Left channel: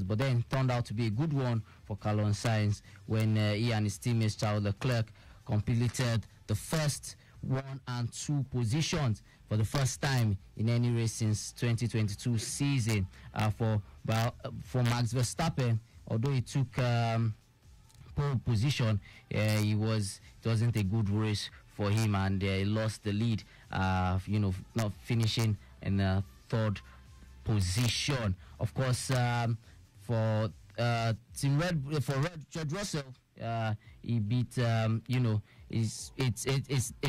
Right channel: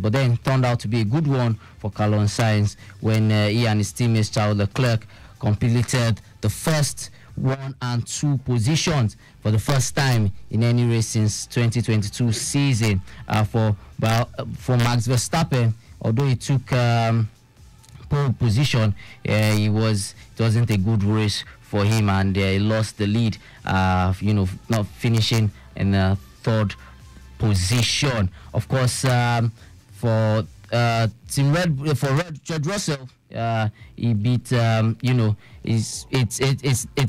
but then turned out to be a good one for Carlos Sainz when he and his teammates Charles Leclerc completed the first 1 and 2 positions for the first time in any race since 2022 season for Max Verstappen. Although he took pole position, it wasn't a good race for him, and he lost the lead. Not finishing in the 3rd position. Of course, for Team Red for George Russell, he beat it's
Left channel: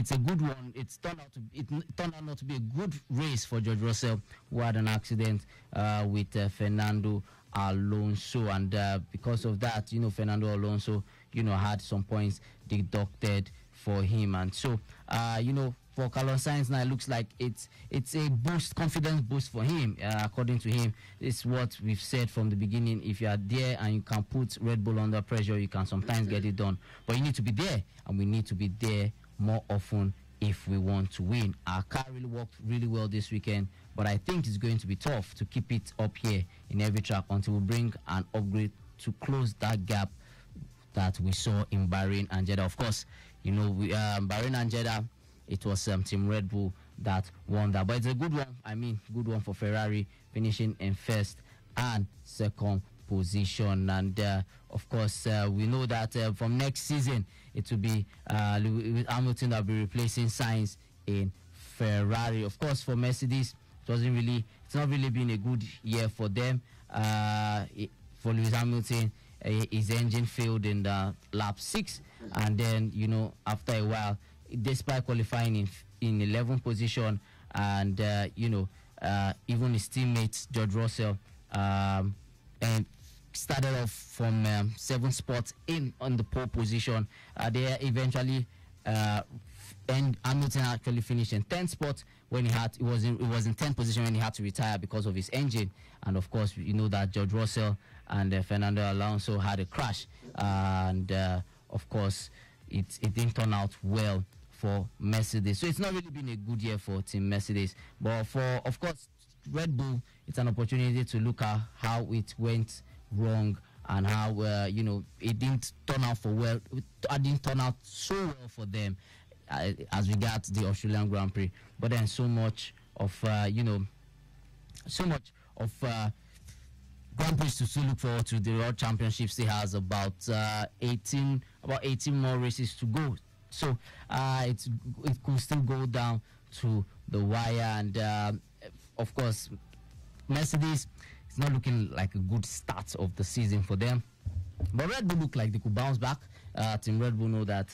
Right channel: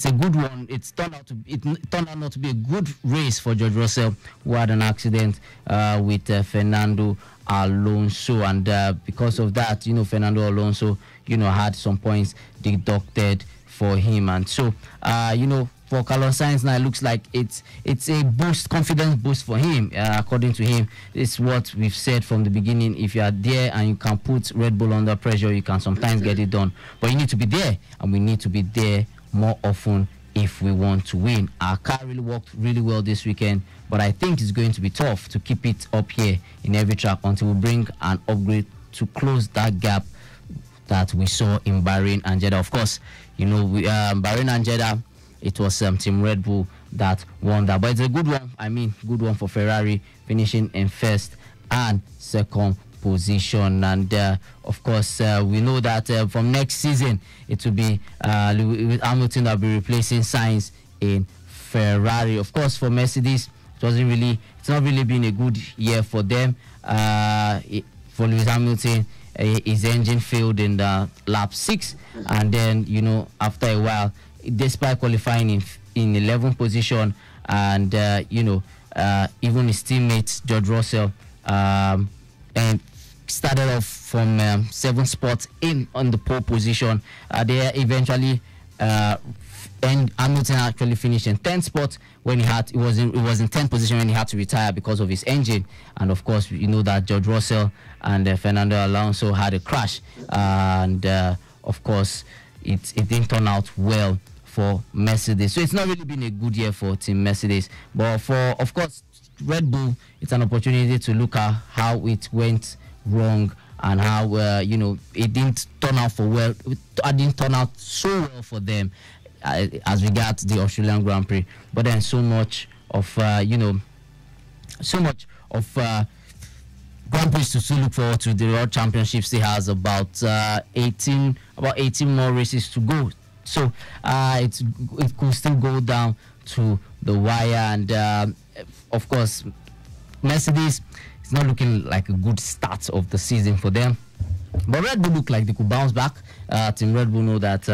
a good one. It turned out not to be a good race for George Russell, who had an accident with Fernando Alonso, and because of that, Fernando Alonso had some points deducted for him, and so for Carlos Sainz now it looks like it's a confidence boost for him. According to him, this is what we've said from the beginning. If you are there and you can put Red Bull under pressure, you can sometimes get it done, but you need to be there, and we need to be there more often if we want to win. Our car really worked really well this weekend, but I think it's going to be tough to keep it up here in every track until we bring an upgrade to close that gap that we saw in Bahrain and Jeddah. Of course, Bahrain and Jeddah, it was Team Red Bull that won that, but it's a good one. Good one for Ferrari, finishing in 1st and 2nd position. And of course, we know that from next season it will be Hamilton that will be replacing Sainz in Ferrari. Of course, for Mercedes, it's not really been a good year for them. For Lewis Hamilton, his engine failed in the lap 6, and then after a while, despite qualifying in 11th position, and even his teammates George Russell and started off from 7th spot on the pole position. They eventually and Hamilton actually finished in 10th spot when it was in 10th position when he had to retire because of his engine. And of course, that George Russell and Fernando Alonso had a crash, and of course it didn't turn out well for Mercedes. So it's not really been a good year for Team Mercedes, but for, of course, Red Bull, it's an opportunity to look at how it went wrong and how it didn't turn out it didn't turn out so well for them as regards the Australian Grand Prix. But then so much of Grand Prix to still look forward to. The World Championship still has about 18 more races to go. So it could still go down to the wire, and of course, Mercedes is not looking like a good start of the season for them. But Red Bull look like they could bounce back. Team Red Bull know that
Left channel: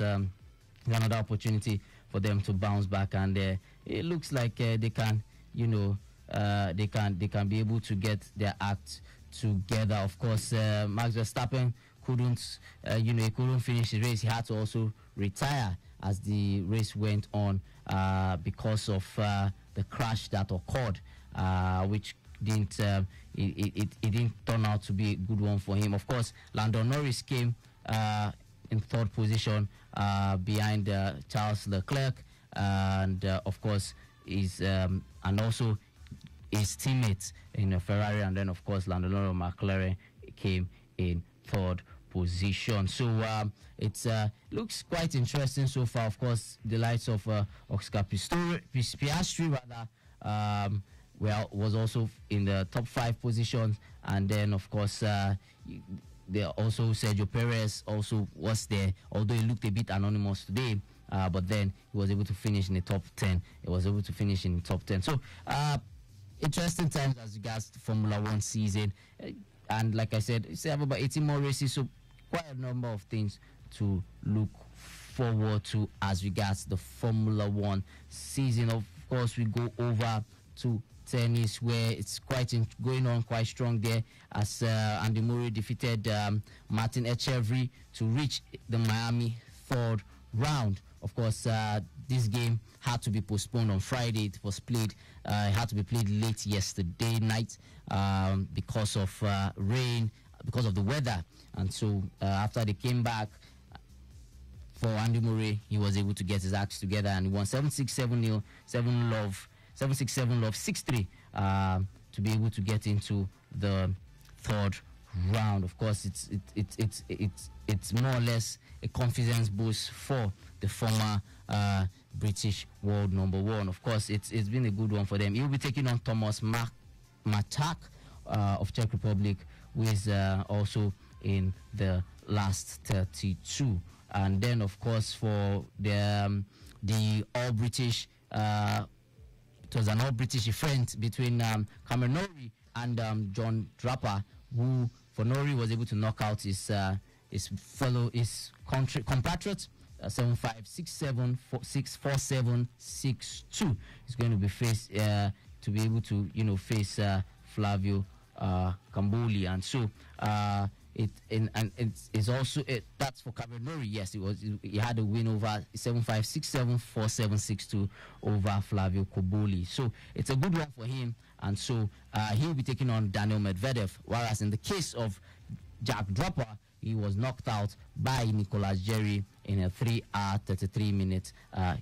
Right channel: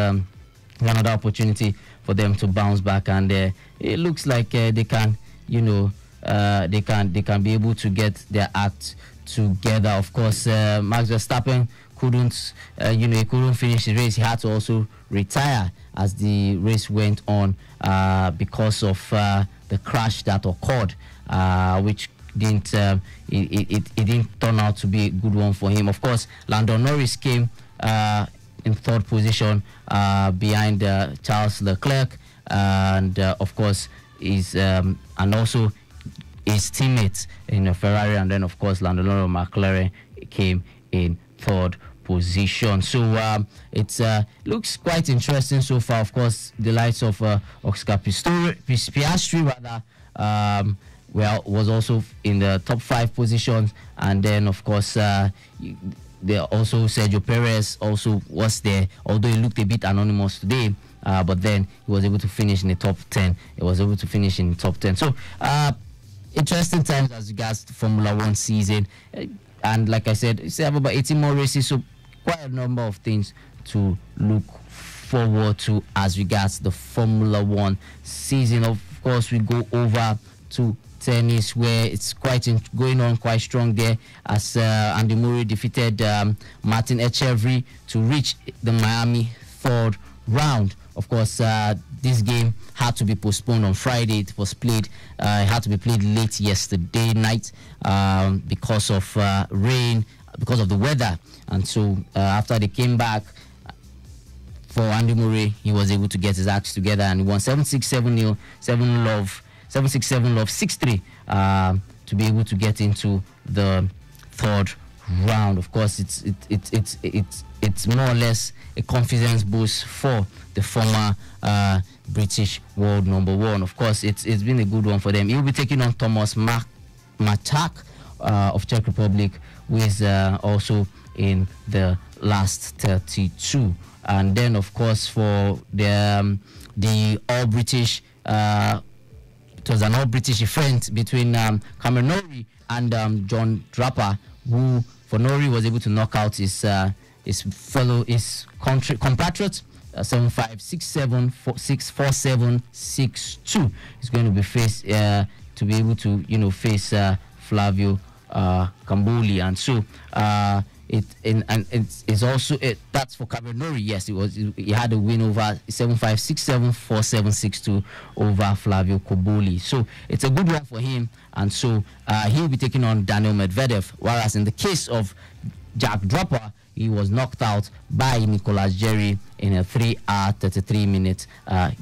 another opportunity for them to bounce back, and it looks like they can, they can be able to get their act together. Of course, Max Verstappen couldn't finish the race. He had to also retire as the race went on because of the crash that occurred, which didn't it didn't turn out to be a good one for him. Of course, Lando Norris came in 3rd position behind Charles Leclerc, and of course and also his teammates in Ferrari, and then of course Lando Norris McLaren came in 3rd position. So it looks quite interesting so far. Of course, the likes of Oscar Piastri was also in the top 5 positions, and then of course there also Sergio Perez also was there, although he looked a bit anonymous today, but then he was able to finish in the top 10. So interesting time as regards the Formula 1 season, and like I said, you have about 18 more races, so quite a number of things to look forward to as regards the Formula 1 season. Of course, we go over to tennis, where it's going on quite strong there, as Andy Murray defeated Martin Etcheverry to reach the Miami 3rd round. Of course, this game had to be postponed on Friday. It was played. It had to be played late yesterday night because of rain, because of the weather. And so after they came back, for Andy Murray, he was able to get his acts together and won 7-6, 7-0, 7-love, 7-6, 7-love, 6-3 to be able to get into the 3rd round. Of course, it's more or less a confidence boost for the former British world number one. Of course, it's been a good one for them. He'll be taking on Thomas Matak of Czech Republic, who is also in the last 32. And then, of course, for the All British, it was an All British event between Cameron Norrie and John Draper, who for Norrie was able to knock out his compatriot 7567 He's going to be faced to be able to face Flavio Camboli, and so it's also that's for Cameron Norrie. Yes, he had a win over 7567 over Flavio Camboli. So it's a good one for him, and so he'll be taking on Daniel Medvedev. Whereas in the case of Jack Draper, he was knocked out by Nicolas Jerry in a 3-hour 33-minute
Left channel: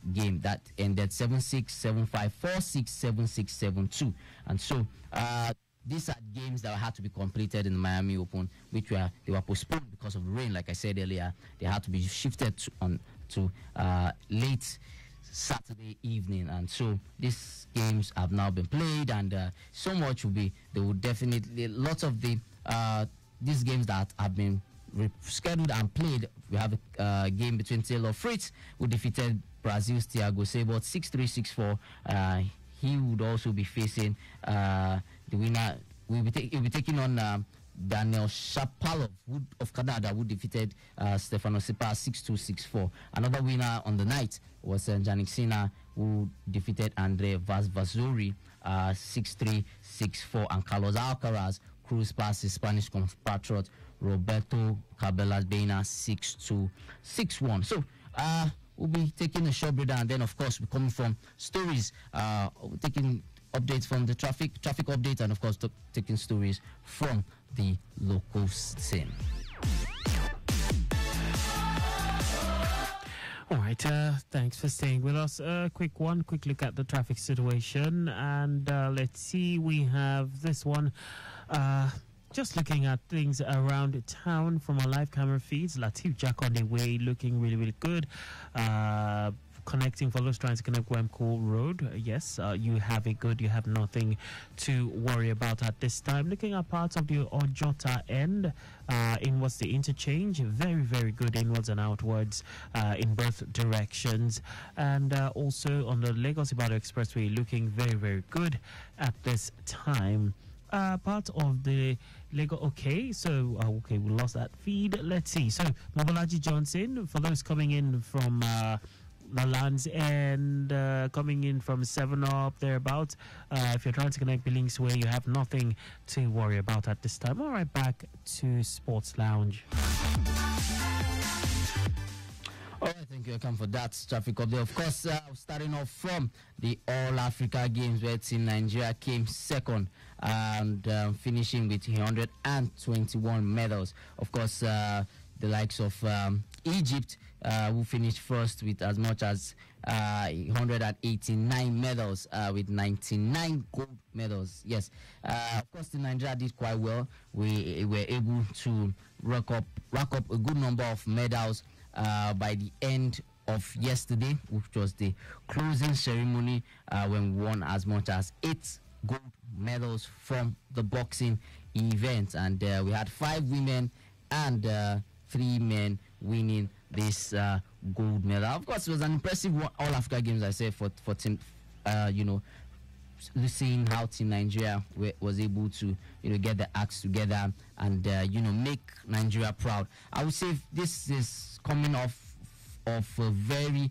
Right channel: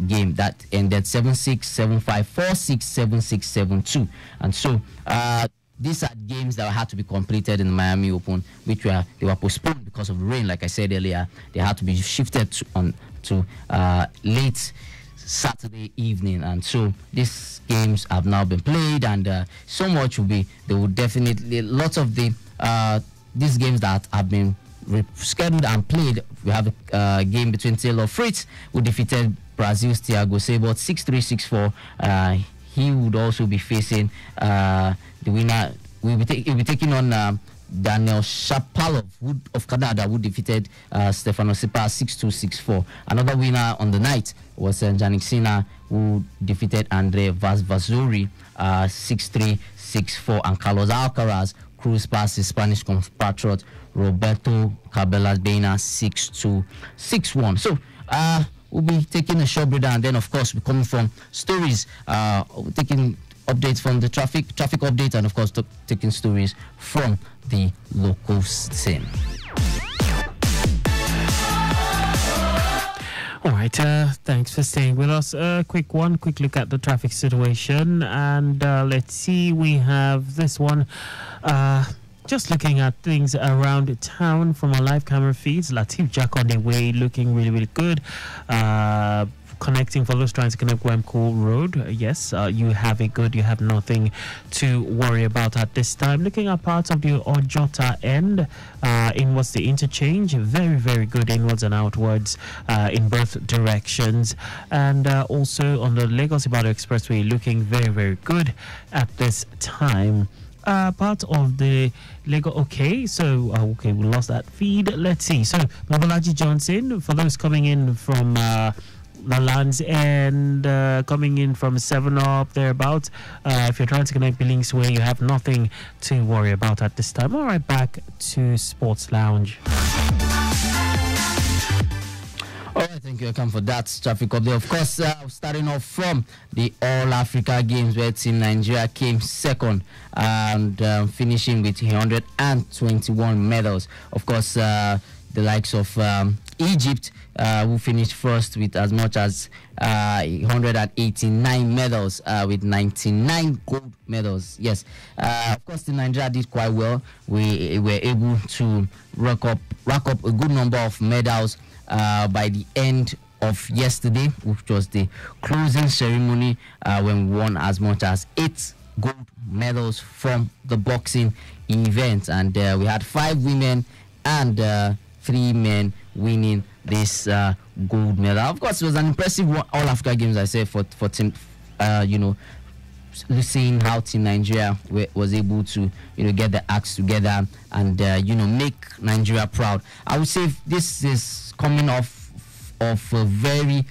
game that ended 7-6, 7-5, 4-6, 7-6, 7-2. And so these are games that had to be completed in the Miami Open, which were postponed because of the rain. Like I said earlier, they had to be shifted to late Saturday evening, and so these games have now been played, and so much will be. There will definitely lots of these games that have been scheduled and played. We have a game between Taylor Fritz, who defeated Brazil's Thiago Seyboth 6-3, 6-4. He would also be facing the winner. He'll be taking on Daniel Shapovalov of Canada, who defeated Stefano Tsitsipas 6-2, 6-4. Another winner on the night was Jannik Sinner, who defeated Andre Vasvazuri 6-3, 6-4, and Carlos Alcaraz cruised past his Spanish compatriot Roberto Cabela-Dena 6-2, 6-1. So we'll be taking a short break, and then of course we're coming from stories, taking updates from the traffic update, and of course taking stories from the local scene. All right, thanks for staying with us. Quick look at the traffic situation, and let's see, we have this one. Just looking at things around town from our live camera feeds. Latif Jack on the way, looking really, really good. Connecting for those trying to connect Wemco Road. Yes, you have it good. You have nothing to worry about at this time. Looking at parts of the Ojota end, inwards the interchange, very, very good inwards and outwards in both directions. And also on the Lagos-Ibadan Expressway, looking very, very good at this time. Part of the Lego. Okay, so we lost that feed. Let's see. So Mobolaji Johnson, for those coming in from the lands and coming in from 7 up thereabouts, if you're trying to connect Billings Way, you have nothing to worry about at this time. All right, back to Sports Lounge. Thank you, Akam, for that traffic update. Of course, starting off from the All Africa Games, where Team Nigeria came second and finishing with 121 medals. Of course, the likes of Egypt, who finished first with as much as 189 medals, with 99 gold medals. Yes, of course, the Nigeria did quite well. We were able to rack up a good number of medals by the end of yesterday, which was the closing ceremony, when we won as much as 8 gold medals from the boxing event, and we had 5 women and 3 men winning this gold medal. Of course, it was an impressive one, All Africa Games, I say, for team, seeing how Team Nigeria was able to get the acts together and make Nigeria proud. I would say this is coming off of a very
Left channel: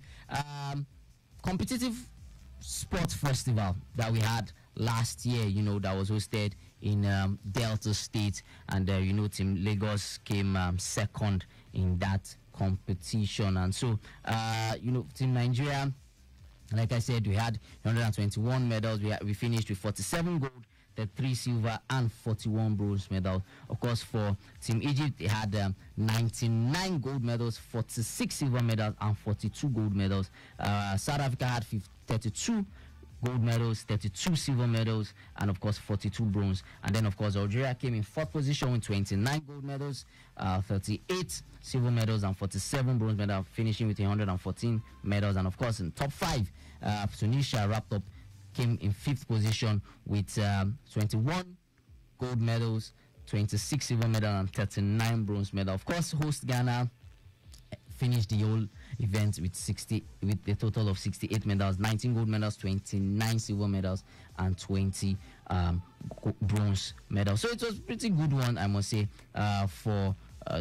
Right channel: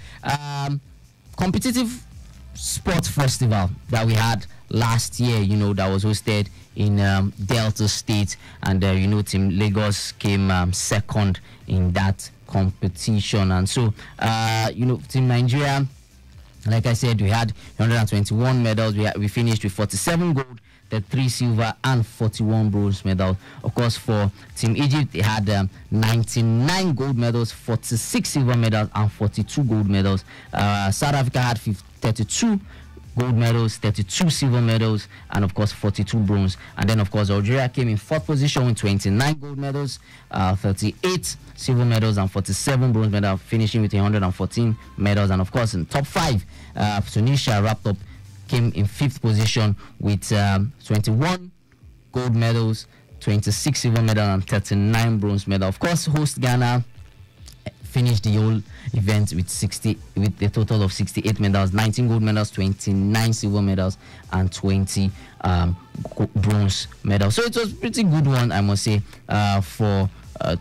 competitive sports festival that we had last year, that was hosted in Delta State, and Team Lagos came second in that competition. And so Team Nigeria, like I said, we had 121 medals. We finished with 47 gold, 3 silver and 41 bronze medals. Of course, for Team Egypt, they had 99 gold medals, 46 silver medals and 42 gold medals. South Africa had 32 gold medals, 32 silver medals, and of course 42 bronze. And then of course Algeria came in fourth position with 29 gold medals, 38 silver medals, and 47 bronze medals, finishing with 114 medals. And of course in top five, Tunisia wrapped up, came in fifth position with 21 gold medals, 26 silver medals, and 39 bronze medals. Of course, host Ghana finished the whole event with a total of 68 medals, 19 gold medals, 29 silver medals, and 20 bronze medals. So it was a pretty good one, I must say, for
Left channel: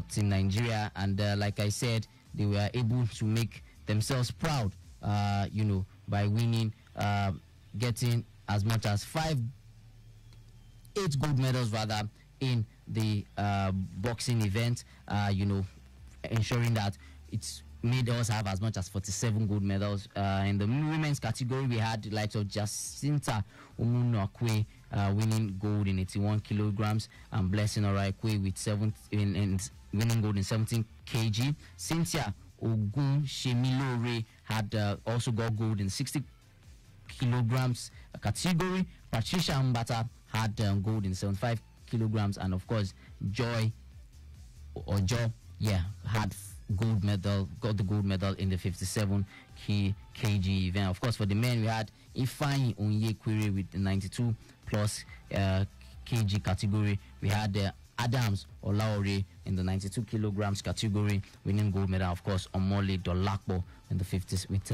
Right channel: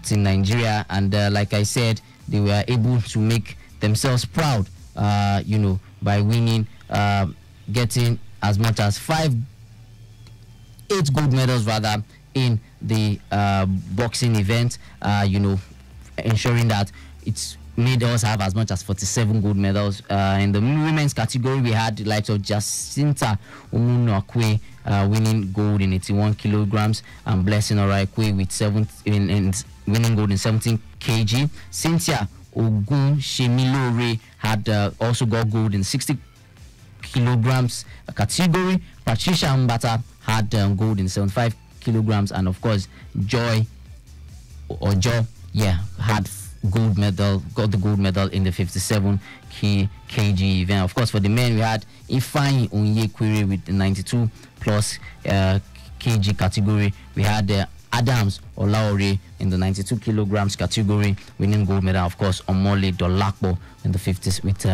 Team Nigeria. And like I said, they were able to make themselves proud, by winning, getting as much as 8 gold medals rather in the boxing event, ensuring that it's made us have as much as 47 gold medals. In the women's category, we had the likes of Jacinta Omunakwe winning gold in 81 kilograms, and Blessing Oraikwe with winning gold in 17 kg. Cynthia Ogun Shemilore had also got gold in 60 kilograms category. Patricia Mbata had gold in 75 kilograms, and of course Joy had got the gold medal in the 57 kg event. Of course, for the men, we had Ifeanyi Onyekwere with the 92 plus kg category. We had Adams Olaore in the 92 kilograms category, winning gold medal. Of course, Omole Dolapo in the 50s with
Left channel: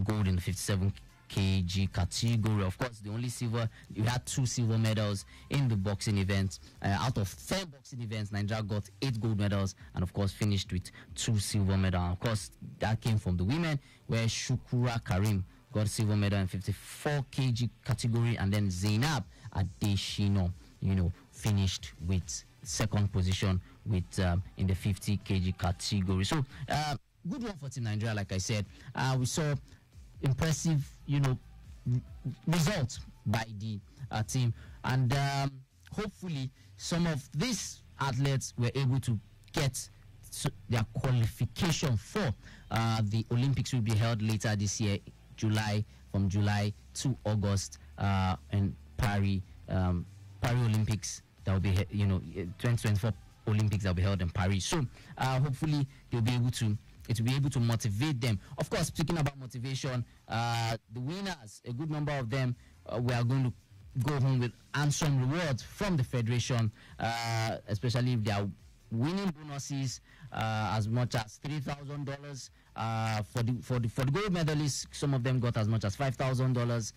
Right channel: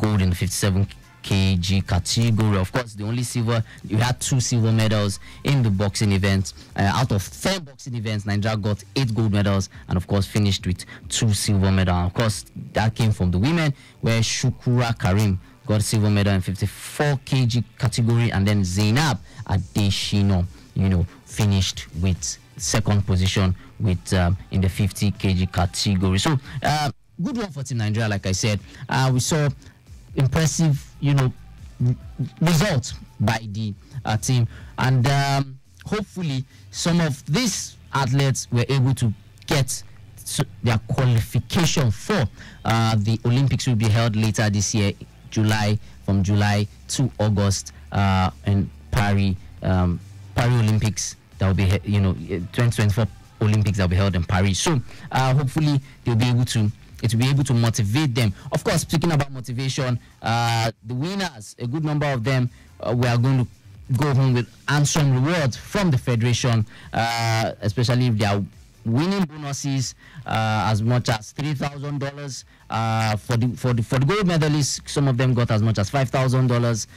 gold in the 57 kg category. Of course, the only silver, you had 2 silver medals in the boxing event. Out of 10 boxing events, Nigeria got 8 gold medals, and of course finished with 2 silver medals. Of course, that came from the women, where Shukura Karim got silver medal in 54 kg category, and then Zainab Adeshino, finished with second position with in the 50 kg category. So good one for Team Nigeria. Like I said, we saw impressive, results by the team, and hopefully some of these athletes were able to get their qualification for the Olympics will be held later this year, from July to August, in Paris Olympics. That will be 2024 Olympics that will be held in Paris. So hopefully it will be able to motivate them. Of course, speaking about motivation, the winners, a good number of them, we are going to go home with handsome rewards from the federation, especially if they are winning bonuses as much as $3,000. For the gold medalists, some of them got as much as $5,000.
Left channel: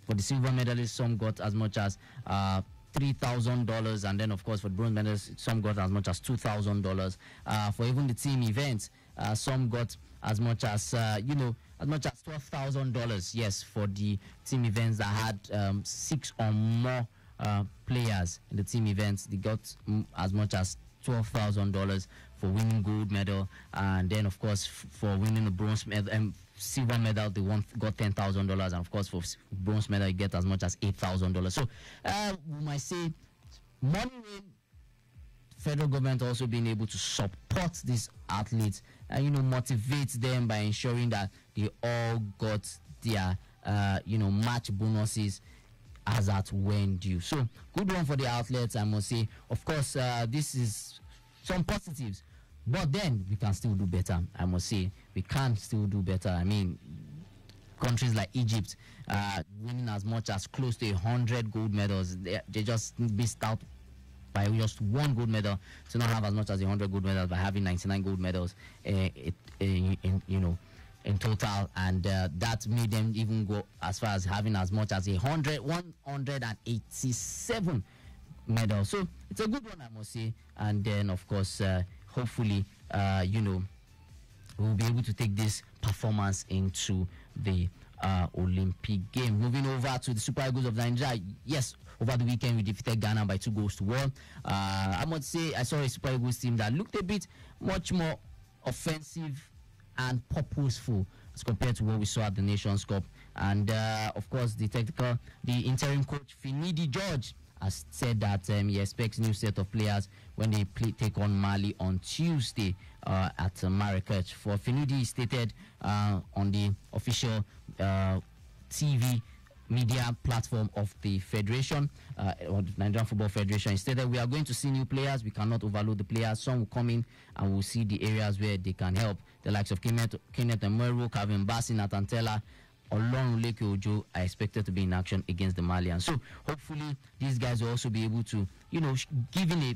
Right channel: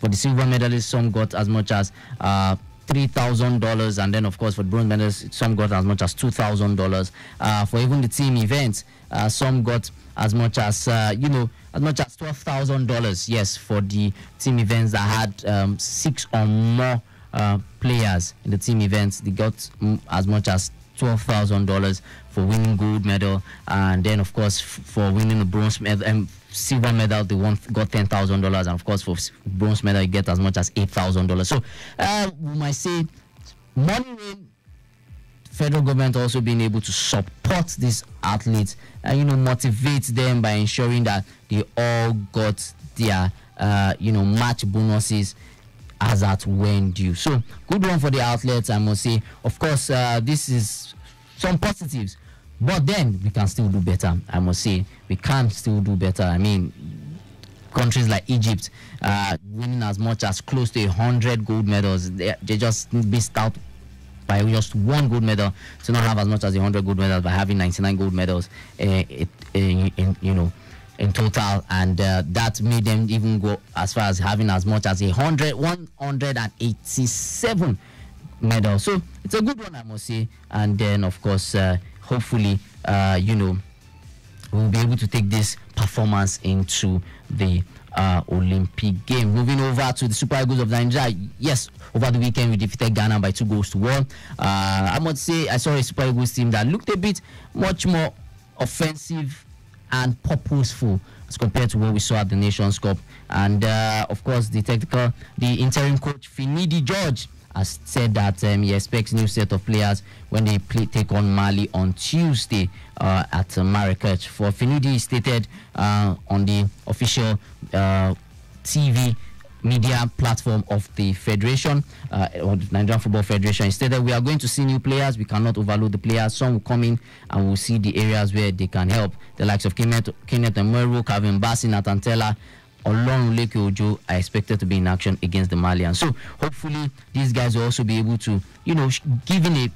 For the silver medalists, some got as much as $3,000, and then of course for the bronze medalists, some got as much as $2,000. For even the team events, some got as much as $12,000. Yes, for the team events that had 6 or more players in the team events, they got as much as $12,000 for winning gold medal, and then of course for winning the bronze medal and silver medal, they got $10,000, and of course for bronze medal you get as much as $8,000. So we might say money, federal government also being able to support these athletes and motivate them by ensuring that they all got their match bonuses as at when due. So good one for the athletes, I must say. Of course, this is some positives, but then we can still do better. I must say we can still do better. I mean, countries like Egypt winning as much as close to 100 gold medals, they just missed out by just 1 gold medal to not have as much as 100 gold medals by having 99 gold medals in total, and that made them even go as far as having as much as 187 medals. So it's a good one, I must say. And then of course hopefully we'll be able to take this performance into the Olympic game. Moving over to the Super Eagles of Nigeria. Yes, over the weekend we defeated Ghana by 2-1. I must say I saw a Super Eagles team that looked a bit much more offensive and purposeful as compared to what we saw at the Nations Cup. And of course the interim coach Finidi George has said that he expects new set of players when they take on Mali on Tuesday at Marrakech. For Finidi, he stated on the official TV media platform of the federation, or the Nigerian Football Federation. Instead, we are going to see new players. We cannot overload the players. Some will come in and we'll see the areas where they can help. The likes of Kenneth Emeru, Calvin Bassey, Nathan Tella, Olorunleke Ojo are expected to be in action against the Malians. So hopefully these guys will also be able to, give in a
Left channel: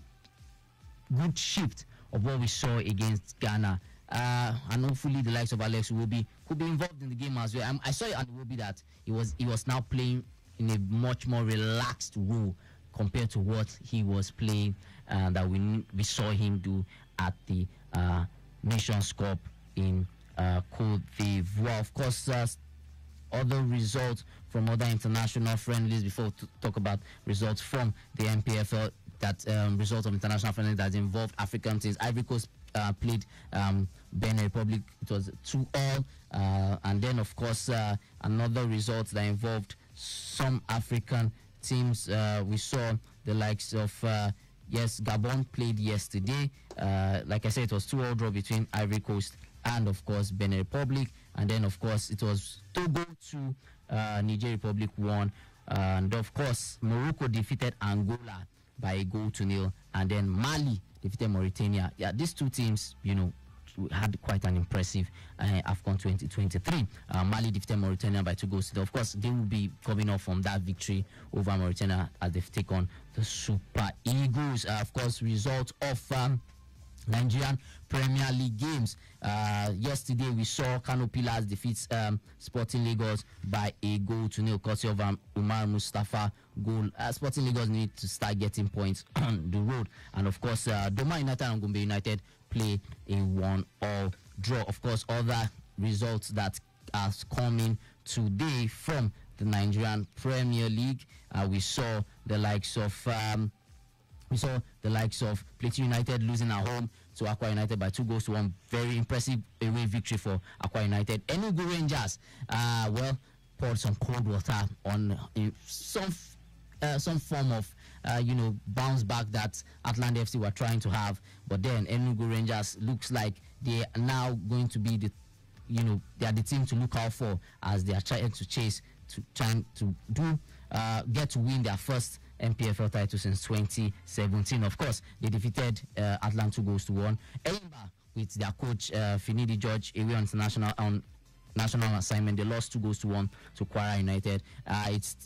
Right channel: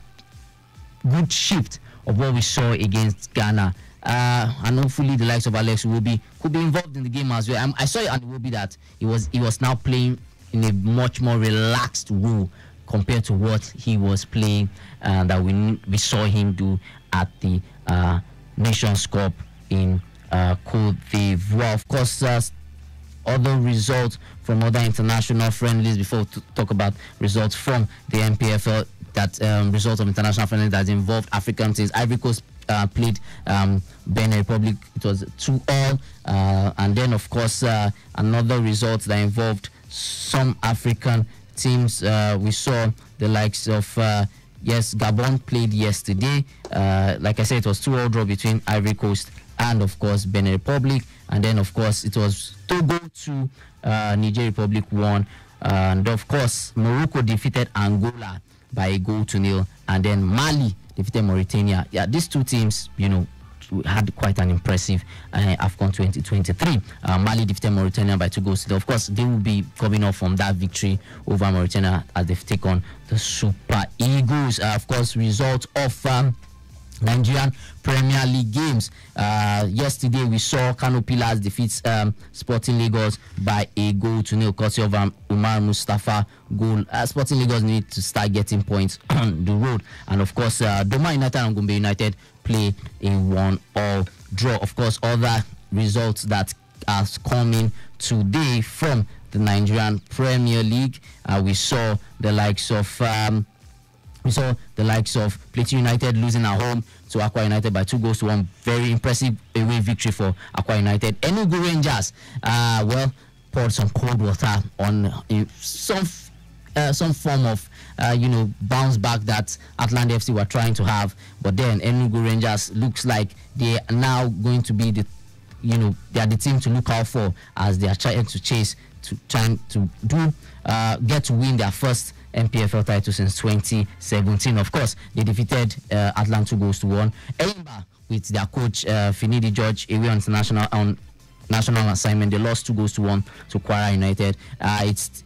good shift of what we saw against Ghana. And hopefully the likes of Alex Iwobi could be involved in the game as well. I saw it at Iwobi that he was now playing in a much more relaxed role compared to what he was playing that we saw him do at the Nations Cup in Cote d'Ivoire. Of course, other results from other international friendlies before to talk about results from the NPFL, that result of international friendlies that involved African teams. Ivory Coast played Benin Republic. It was 2-2, and then of course another result that involved some African teams. We saw the likes of Gabon played yesterday. Like I said, it was 2-2 draw between Ivory Coast and of course Benin Republic, and then of course it was Togo 2, Niger Republic 1, and of course Morocco defeated Angola by a 0-0, and then Mali defeated Mauritania. Yeah, these two teams, had quite an impressive AFCON 2023. Mali defeated Mauritania by 2-0. Of course, they will be coming off from that victory over Mauritania as they've taken on the Super Eagles. Of course, results of Nigerian Premier League games. Yesterday we saw Kano Pillars defeat Sporting Lagos by a 0-0, courtesy of Umar Mustafa goal. Sporting Lagos need to start getting points on the road, and of course Doma United and Gombe United play a 1-1 draw. Of course, other results that are coming today from the Nigerian Premier League. We saw the likes of Plateau United losing at home to Akwa United by 2-1. Very impressive away victory for Akwa United. Enugu Rangers, poured some cold water on some form of bounce back that Atlanta FC were trying to have, but then Enugu Rangers looks like they are now going to be they are the team to look out for as they are trying to get to win their first NPFL title since 2017. Of course, they defeated Atlanta 2-1. Eimba, with their coach Finidi George away on national assignment, they lost 2-1 to Kwara United. It's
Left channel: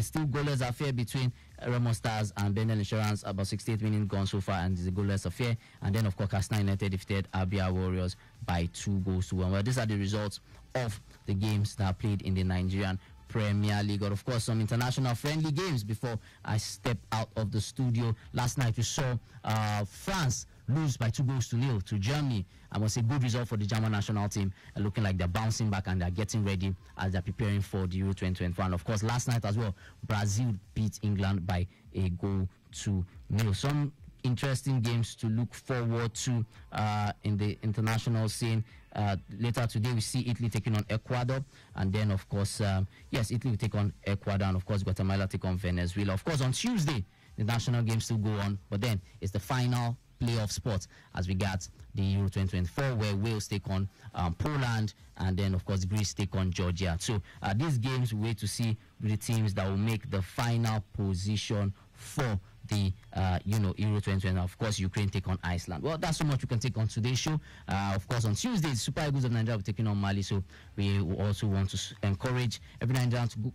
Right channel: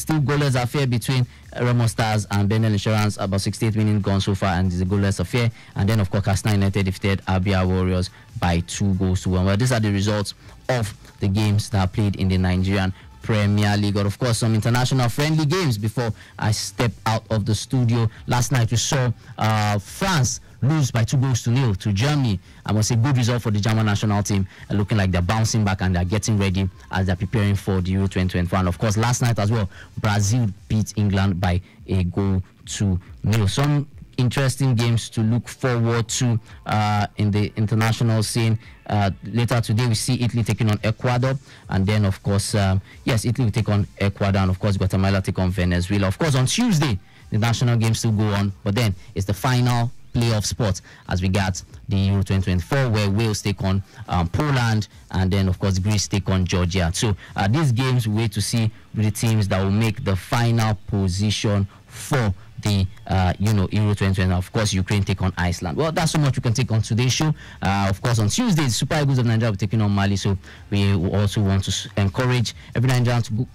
still goalless affair between Remo Stars and Benin Insurance. About 68 minutes gone so far, and it's a goalless affair. And then of course, Katsina United defeated Abia Warriors by 2-1. Well, these are the results of the games that are played in the Nigerian Premier League. Or of course, some international friendly games before I step out of the studio. Last night we saw France lose by 2-0 to Germany. I must say, good result for the German national team, looking like they're bouncing back and they're getting ready as they're preparing for the Euro 2024. And of course, last night as well, Brazil beat England by a 2-0. Some interesting games to look forward to in the international scene. Later today, we see Italy taking on Ecuador, and then of course, Italy will take on Ecuador, and of course, Guatemala take on Venezuela. Of course, on Tuesday, the national games still go on, but then it's the final playoff spot as we got the Euro 2024, where Wales take on Poland, and then of course Greece take on Georgia. So these games we wait to see the teams that will make the final position for the Euro 2020. Of course, Ukraine take on Iceland. Well, that's so much we can take on today's show. Of course, on Tuesday, Super Eagles of Nigeria will be taking on Mali. So we also want to encourage every Nigerian to go,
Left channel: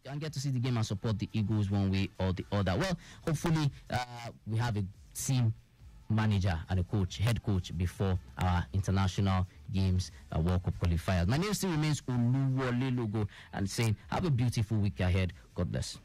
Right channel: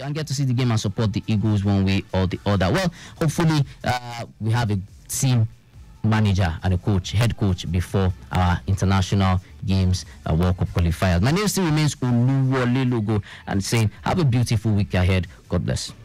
and get to see the game and support the Eagles one way or the other. Well, hopefully we have a team manager and a head coach before our international games World Cup qualifiers. My name still remains Oluwole, and saying have a beautiful week ahead. God bless.